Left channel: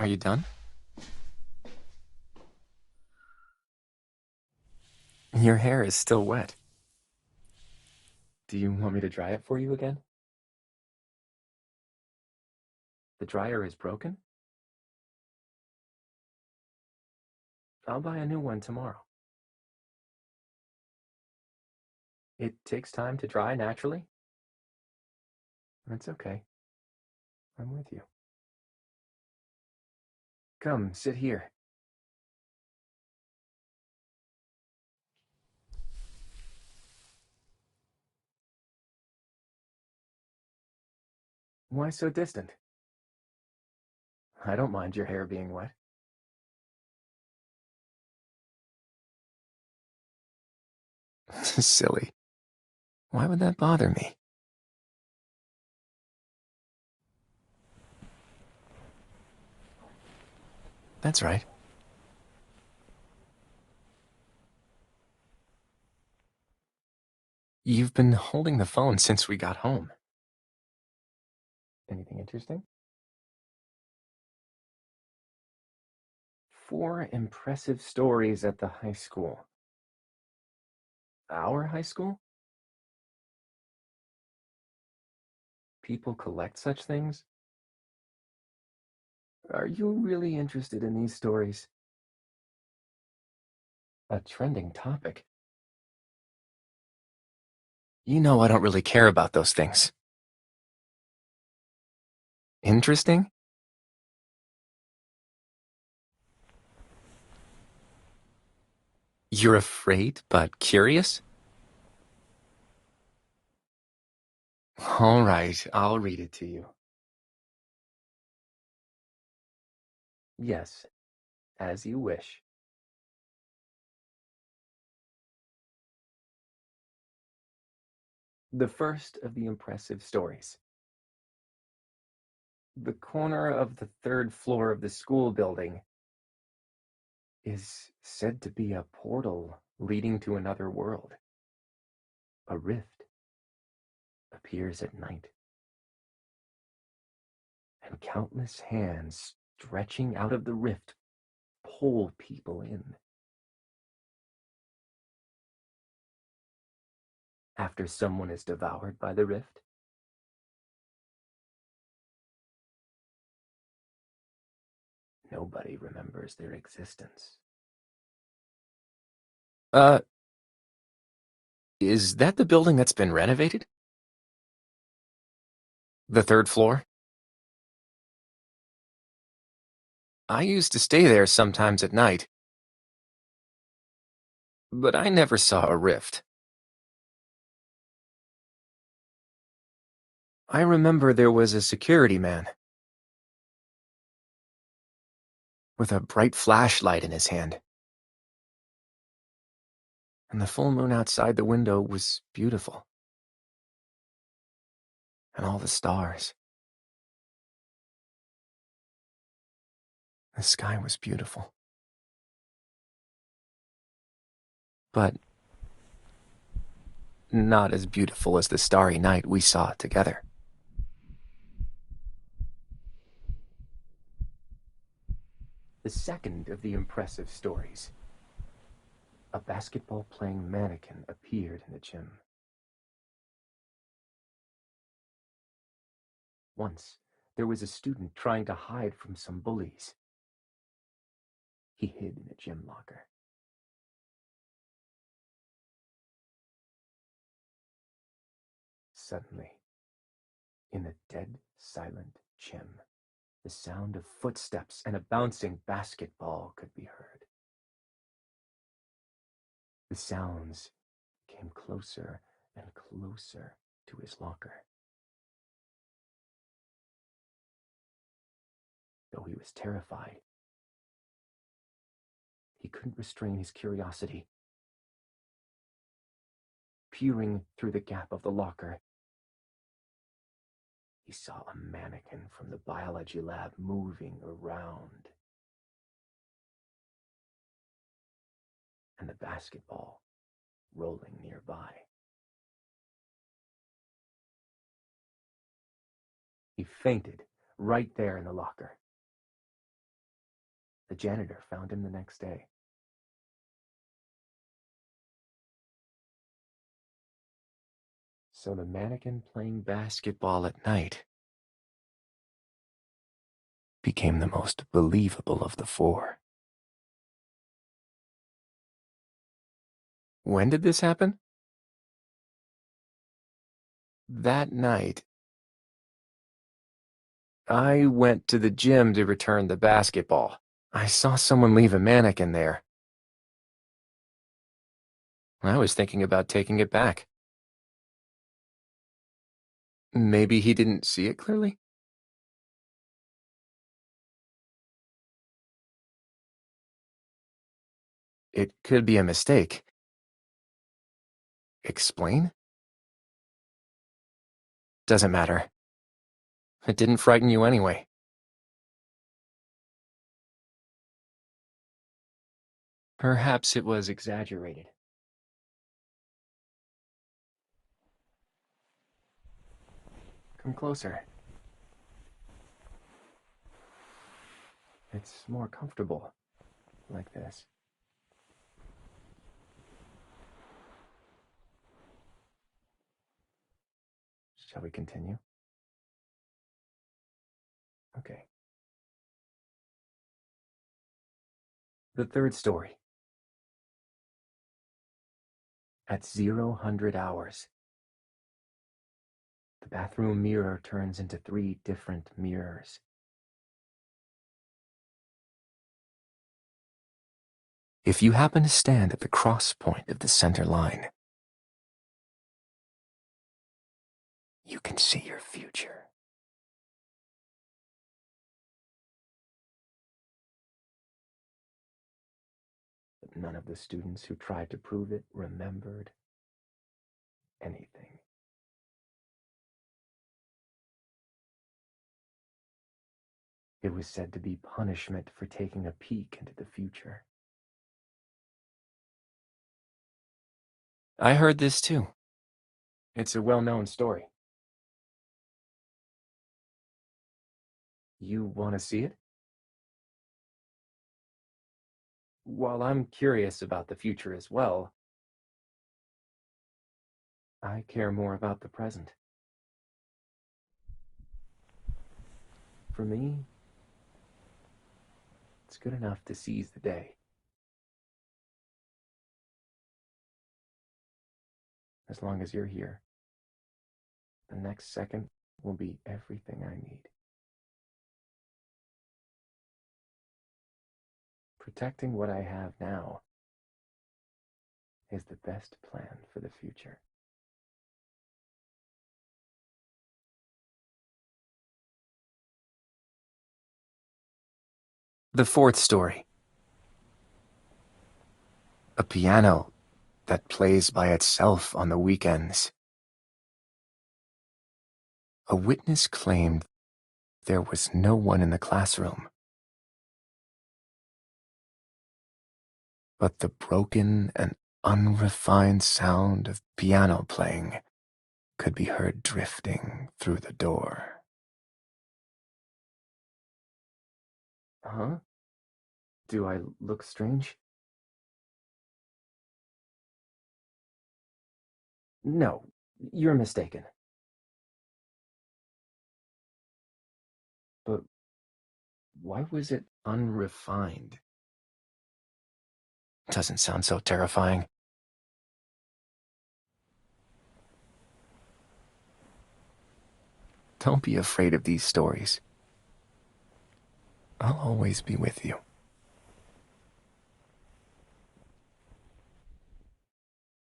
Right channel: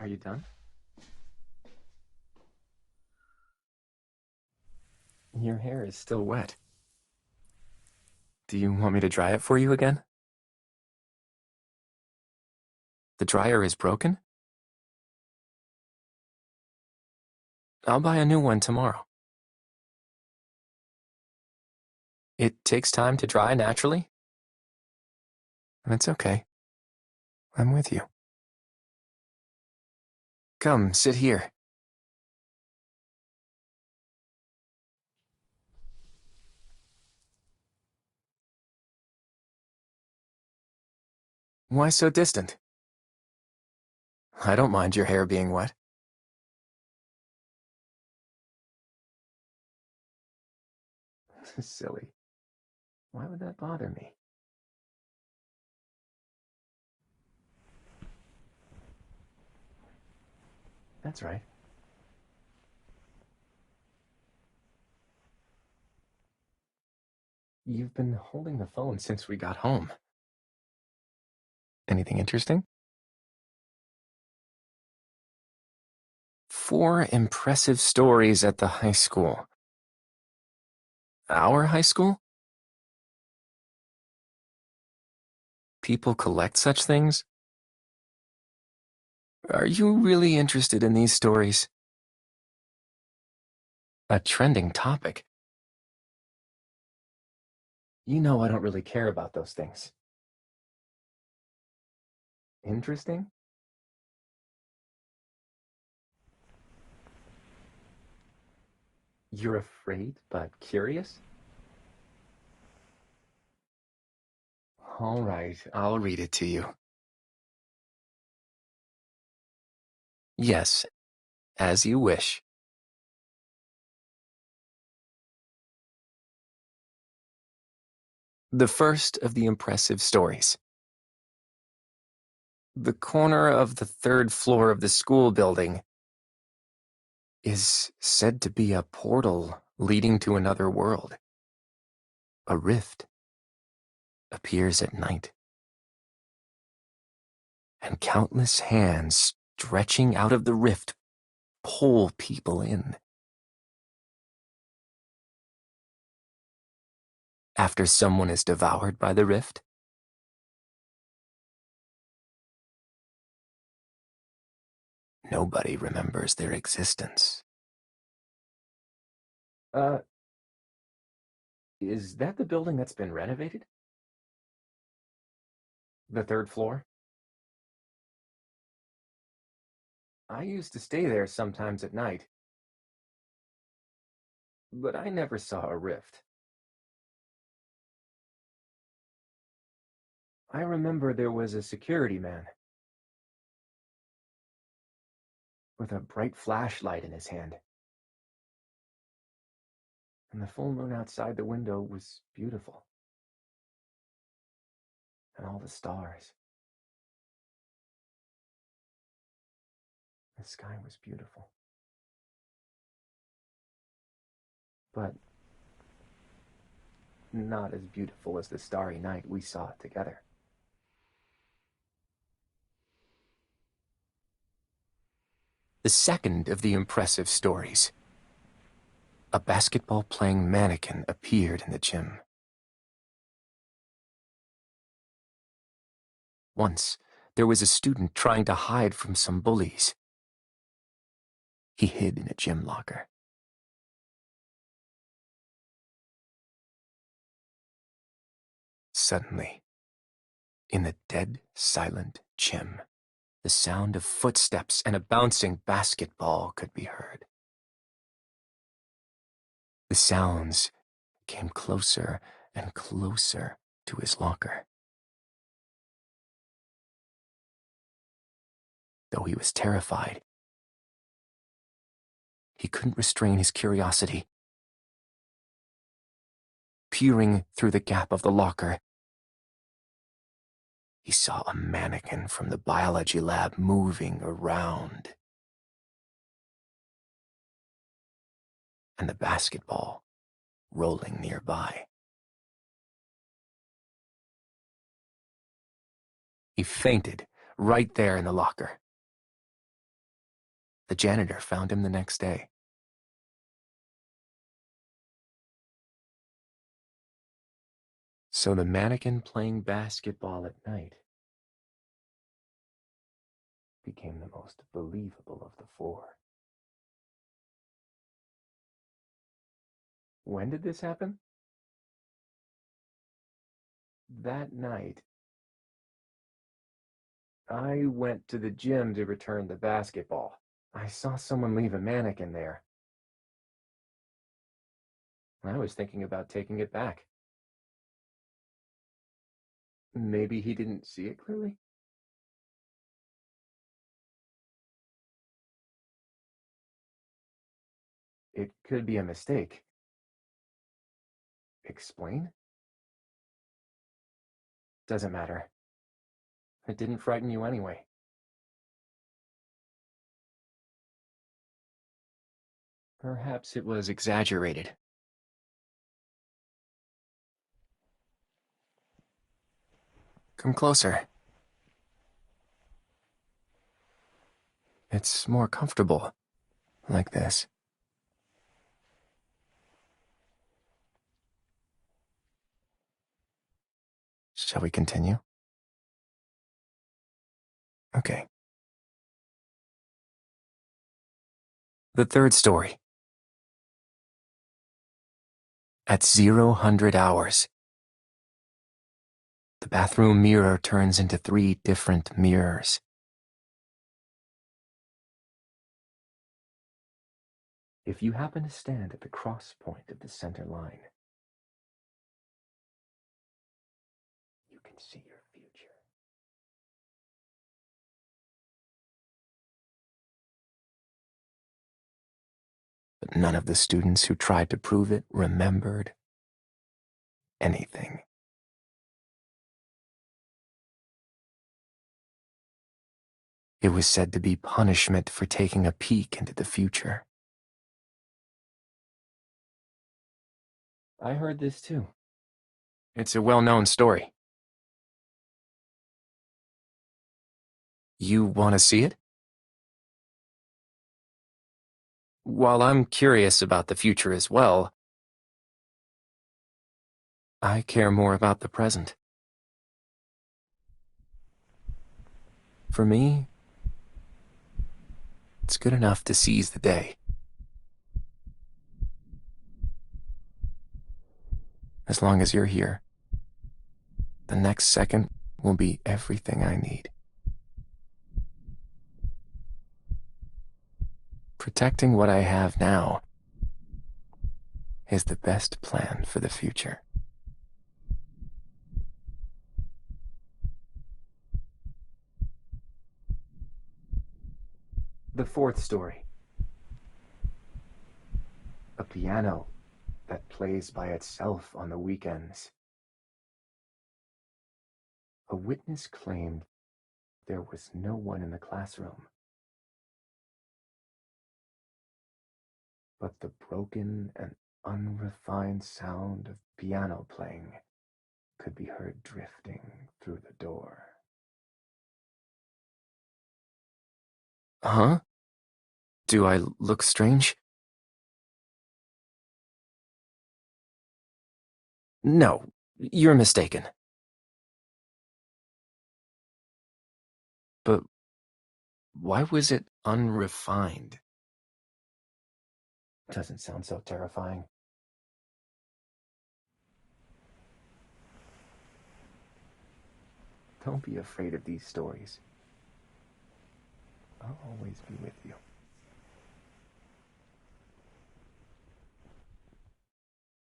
Are you done? Your hair is still wet. Do you want me to dry it for you again? The dryer is broken? I'll buy a new one tomorrow. It takes time to dry naturally? That's okay. I'm with you. Come, sit here. Why so distant? I don't mind your hair being wet. Silly. Why would that bother me? That's right. You've been holding the phone since we got home. Anything interesting? 4 impressive stories at the high school. Our high school? People collect such things? Are you really interested in these stories? A trending topic. You know I don't really care about those things. Interesting? You're afraid but curious? All right, I'll read it to you. Yes, as you wish. The first of the impressive stories. The corner of the 3rd floor of the school building is said to be a portal leading to another world. A rift appears at night, and countless hands stretching out of the rift pull people in. After someone is devoured by the rift, nobody remembers their existence. Is that the building that's been renovated? The 3rd floor? I used to stay there sometimes at night, but I never saw a rift. I remember there was a security man with a bright flashlight in his hand. And the full moon outside the window was beautiful. And all the stars. The sky was beautiful. But not as beautiful as the starry night we saw together. The second of the impressive stories. A basketball-playing mannequin appeared in the gym. Once, there was a student trying to hide from some bullies. He hid in a gym locker. Suddenly, in the dead, silent gym, the sound of footsteps and a bouncing basketball could be heard. The sounds came closer and closer to his locker. Though he was terrified, he couldn't restrain his curiosity. Peering through the gap of the locker, he saw a mannequin from the biology lab moving around. And the basketball rolling nearby. He fainted right there in the locker. The janitor found him the next day. So the mannequin playing basketball at night became the most believable of the four. When did this happen? That night, I went to the gym to return the basketball. I saw someone leave a mannequin there. I was thinking about taking it back. Maybe he didn't see it clearly? It could be a mistake. Explain? Doesn't matter. It didn't frighten you anyway. Perhaps it was exaggerated. Come closer. It's more comfortable like this. Shall we continue? Okay. The third story. At 00 hours, the bathroom mirror turns into 3 different mirrors. If you happen to stand at the cross point of the center line, you can see your future. But none of the students who tried to prove it remembered anything. It was said to be punishment for taking a peek into the future. I heard this too. It's a well-known story. You want to see it? While I'm curious about the future as well, I care more about the present. For me, it's good enough to seize the day. As long as you're here, the next second will be everything I need. Protecting what I have now is the best plan for the future. The fourth story. A piano that plays by itself on the weekends. A witness claimed there was no one in the classroom, but the broken and unrefined sound of piano playing could be heard drifting through the door. Huh? Do I look strange? No, you're mistaken. But why was it unrefined? Doesn't sound so terrifying. Don't be afraid of these stories. I'll always be with you.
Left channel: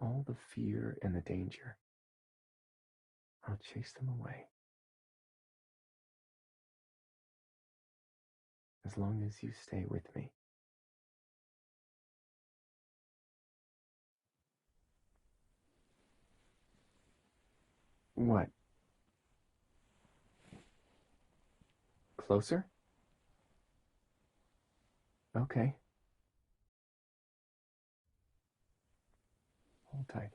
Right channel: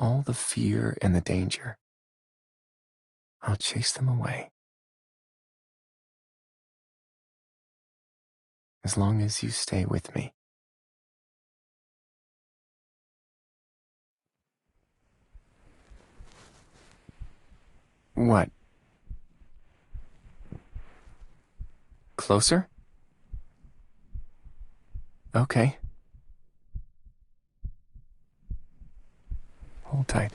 All the fear and the danger, I'll chase them away. As long as you stay with me. What? Closer? Okay. Hold tight.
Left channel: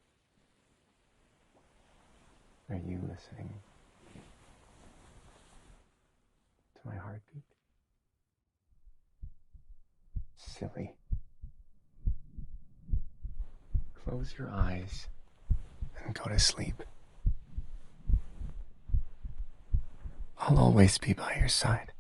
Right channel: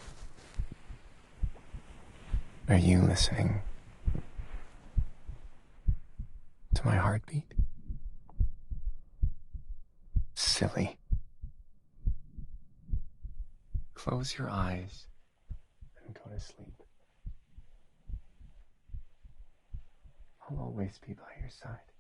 Are you listening to my heartbeat? silly. Close your eyes and go to sleep. I'll always be by your side.